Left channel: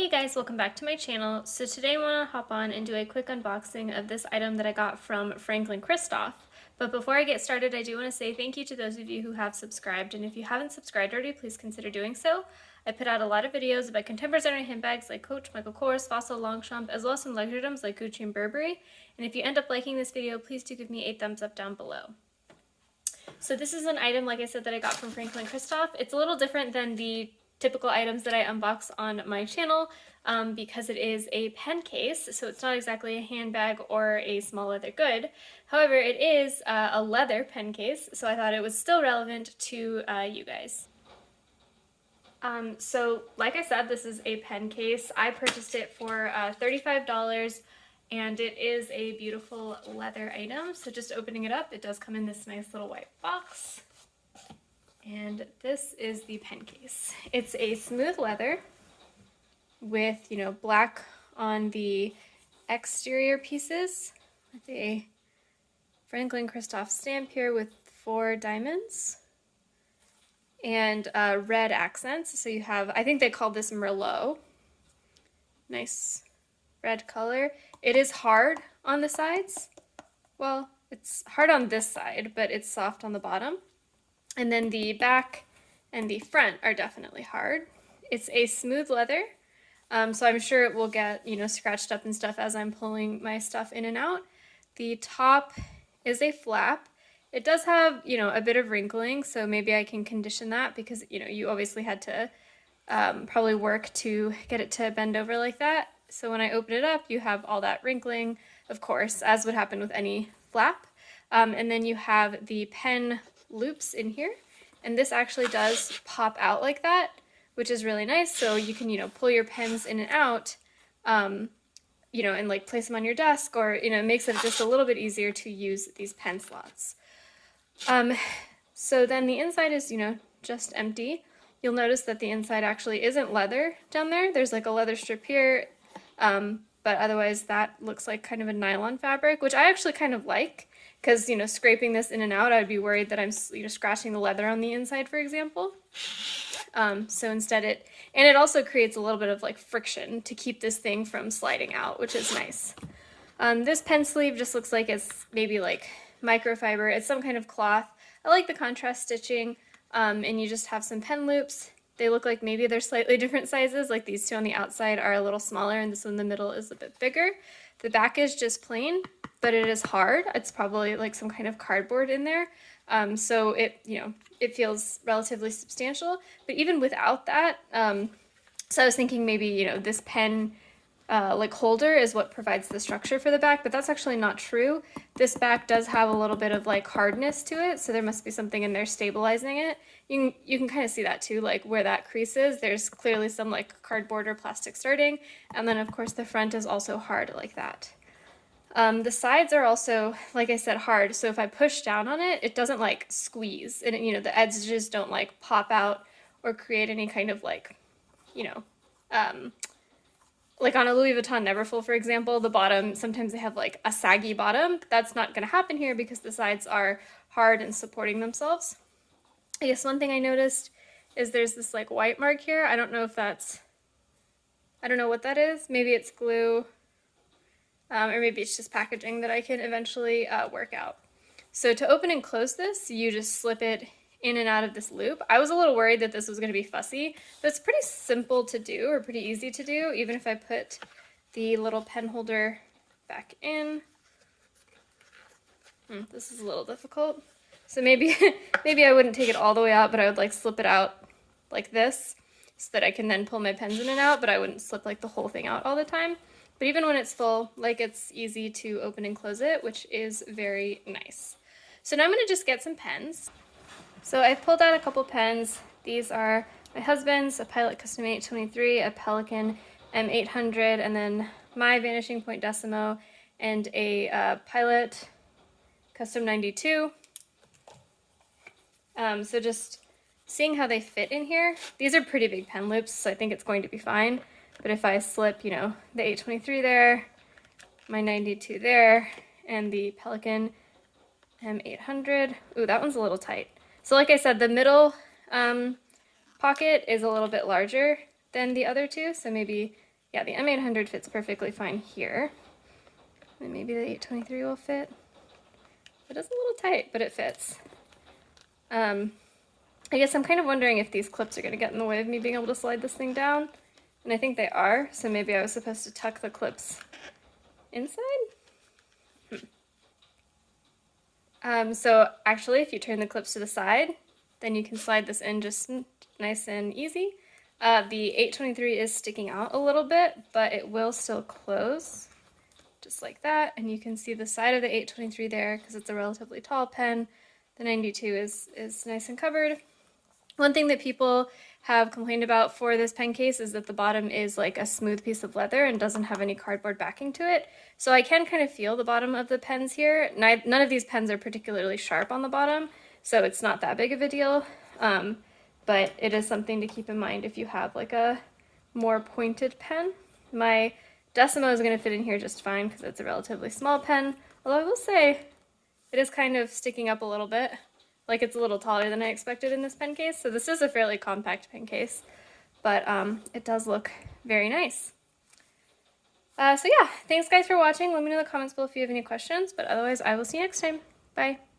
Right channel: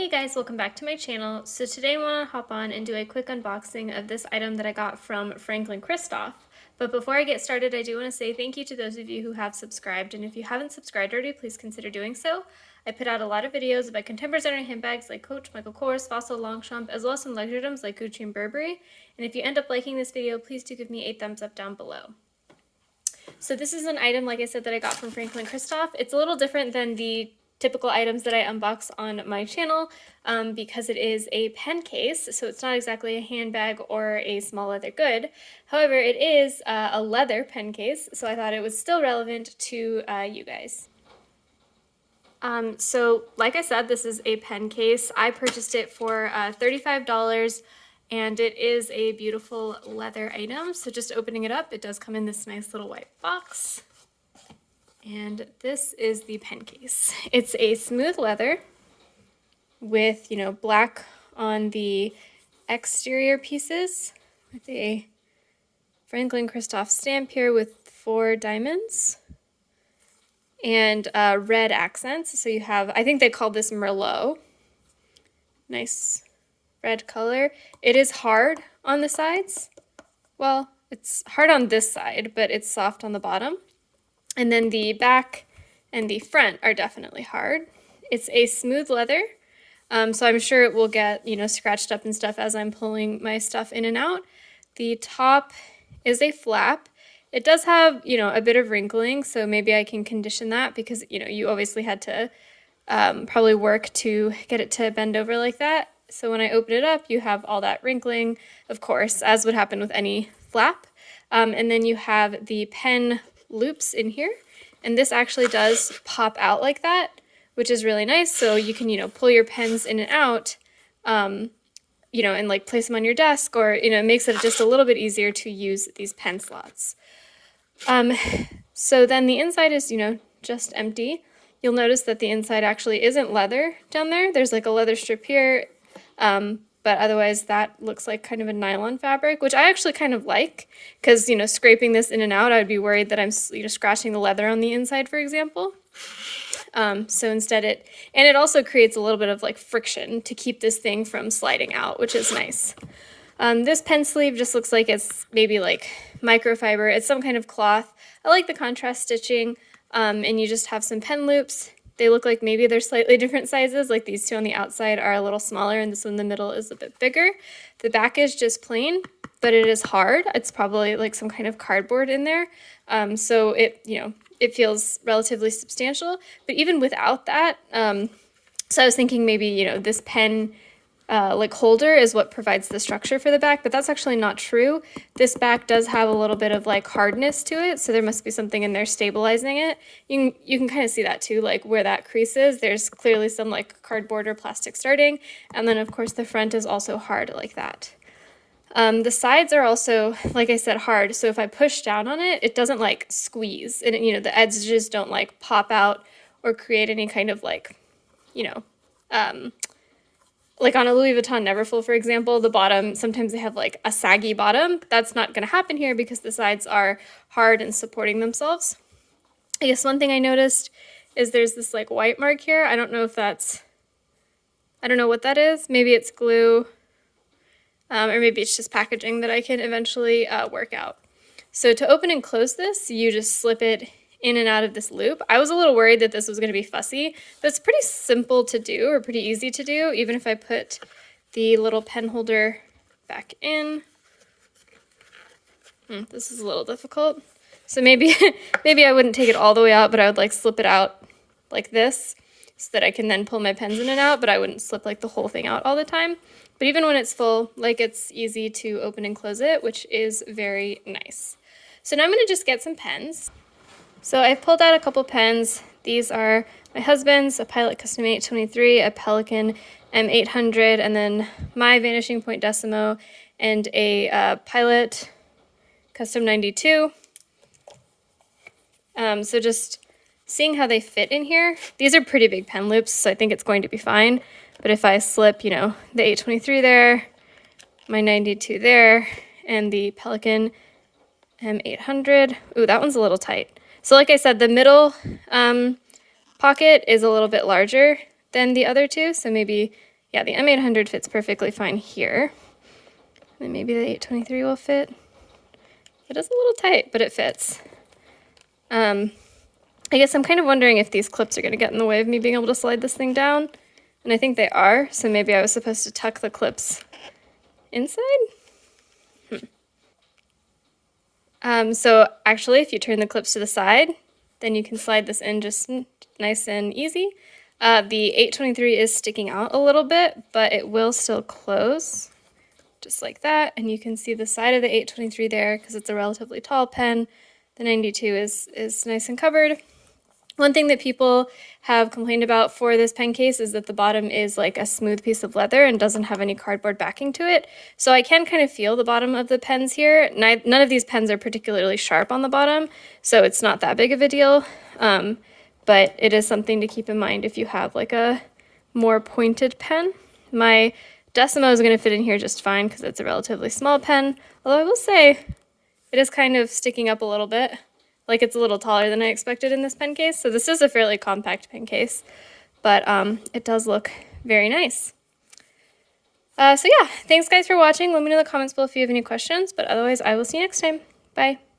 Hey guys, welcome back to my channel. So today I want to hop on and do a quick unboxing of this item that I got from Franklin Christoph. But before I get started, I do want to say thank you to those of you who have subscribed, and if you haven't subscribed already, please consider doing so. I put out a lot of videos about contemporary handbags like Coach, Michael Kors, Fossil, Longchamp, as well as some luxury items like Gucci and Burberry. And if you end up liking this video, please do give me a thumbs up down below. So this is an item, like I said, that I got from Franklin Christoph. It's a little different than the typical items that I unbox on my channel because it is a pen case, so it's not exactly a handbag or a small leather good. However, it is a leather pen case, so I thought it was still relevant to you guys. So like I said, this is a pen case. I purchased it for $35. And it is a beautiful leather item. So just opening it up, it does come in this nice little white box. And this is the pen case. It's a smooth leather with, black on the exterior pieces with a Franklin Christoph stamp here with 4 diamonds and red accents. So you have, I think they call this Merlot. Nice red color. It is hard on the sides. Well, it's hard on this side, but it's soft on the bottom. And then the back and the front are definitely hard. It's a smooth leather, so I'm sure it will get, scratched up and stuff as I'm pulling my stuff in and out. The top is a flap. It does have, a bit of wrinkling, so maybe I can condition that because, you obviously had to probably work to get it to bend over like that. So when I open it up, you have all that wrinkling, of course, as would happen with any flap. And then you have the pen loops in here. And this actually does pop out like that, which is really nice. So you can, pull your pens in and out, and like place them on your desk, or, it makes it just a little bit easier to use these pen slots. So then the inside is, just empty. You'll notice that the inside actually isn't leather down there. There's like a leather strip here. But otherwise that looks like kind of a nylon fabric, which I actually kind of like because, scraping this in and out, I'd be worried that I'm, scratching the leather on the inside, for example. So instead it also creates a little bit of like friction to keep this thing from sliding out, which is nice. This pen sleeve just looks like it's maybe like microfiber. It's some kind of cloth. I like the contrast stitching, and you just have some pen loops. They look like maybe they're slightly different sizes, like these two on the outside are a little smaller and this one in the middle is a bit bigger. The back is just plain, but it is hard. It's probably like some kind of cardboard in there. So it, it feels relatively substantial, but even without that, so I was thinking maybe, this pen like holder is what provides the structure for the back, but that's actually not true. This back does have a little bit of like hardness to it, so there must be something in there stabilizing it. You can kind of see that too, like where that crease is, there's clearly some like cardboard or plastic starting, and then of course the front is also hard like that. The sides are also, like I said, hard, so if I push down on it, it doesn't like squeeze, and the edges don't like pop out or create any kind of like, like on a Louis Vuitton Neverfull, for example, the bottom, sometimes they have like a saggy bottom. That's not going to happen here because the sides are hard and supporting themselves. I guess one thing I noticed is there's this like white mark here. I don't know if that's, I don't know what that is. Maybe it's glue, or maybe it's just packaging that I can eventually work out. So to open and close this, you just slip it in and out of this loop. I was a little worried that this was going to be fussy, but it's pretty simple to do, or pretty easy to do, even if I put the little pen holder back in. This is a little difficult. So maybe maybe I wouldn't take it all the way out, but I would like slip it out like this so that I can then pull my pens in and out, but I wouldn't slip like the whole thing out all the time. But even when it's full, like it's easy to open and close it, which is very nice. So now I'm going to just get some pens. So I've pulled out a couple pens. These are my husband's, a Pilot Custom 823, a Pelikan M800, and then my Vanishing Point Decimo, and a Pilot Custom 92. So just seeing how they fit in here. These are pretty big pen loops, so I think it's going to be fine. But if I slip, the 823 there, my 92 there, and the Pelikan M800, ooh, that one's a little tight. So like I said, the middle pocket is a little bit larger than the other two, so maybe Yeah, the M800 fits perfectly fine here. And maybe the 823 will fit. It is a little tight, but it fits. I guess I'm kind of wondering if these clips are going to get in the way of me being able to slide this thing down. And I think they are, so maybe I was supposed to tuck the clips inside? So actually, if you turn the clips to the side, then you can slide this in just nice and easy. The 823 is sticking out a little bit, but it will still close, just like that. And you can see the side of the 823 there because it's a relatively tall pen. The 92 is nice and covered. One thing that people have complained about for this pen case is that the bottom is like a smooth piece of leather and doesn't have any cardboard backing to it. So I can kind of feel the bottom of the pens here. None of these pens are particularly sharp on the bottom, so it's not that big of a deal. But it is something to keep in mind if you have like a more pointed pen. My Decimo is going to fit in here just fine because it's a relatively small pen, although I will say it is kind of sticking up a little bit. Like it's a little taller than I expected in this pen case. So this is a fairly compact pen case, but it does look very nice. So yeah, thanks guys for watching. Let me know in the comments below if you have any questions, but otherwise I will see you next time. Bye.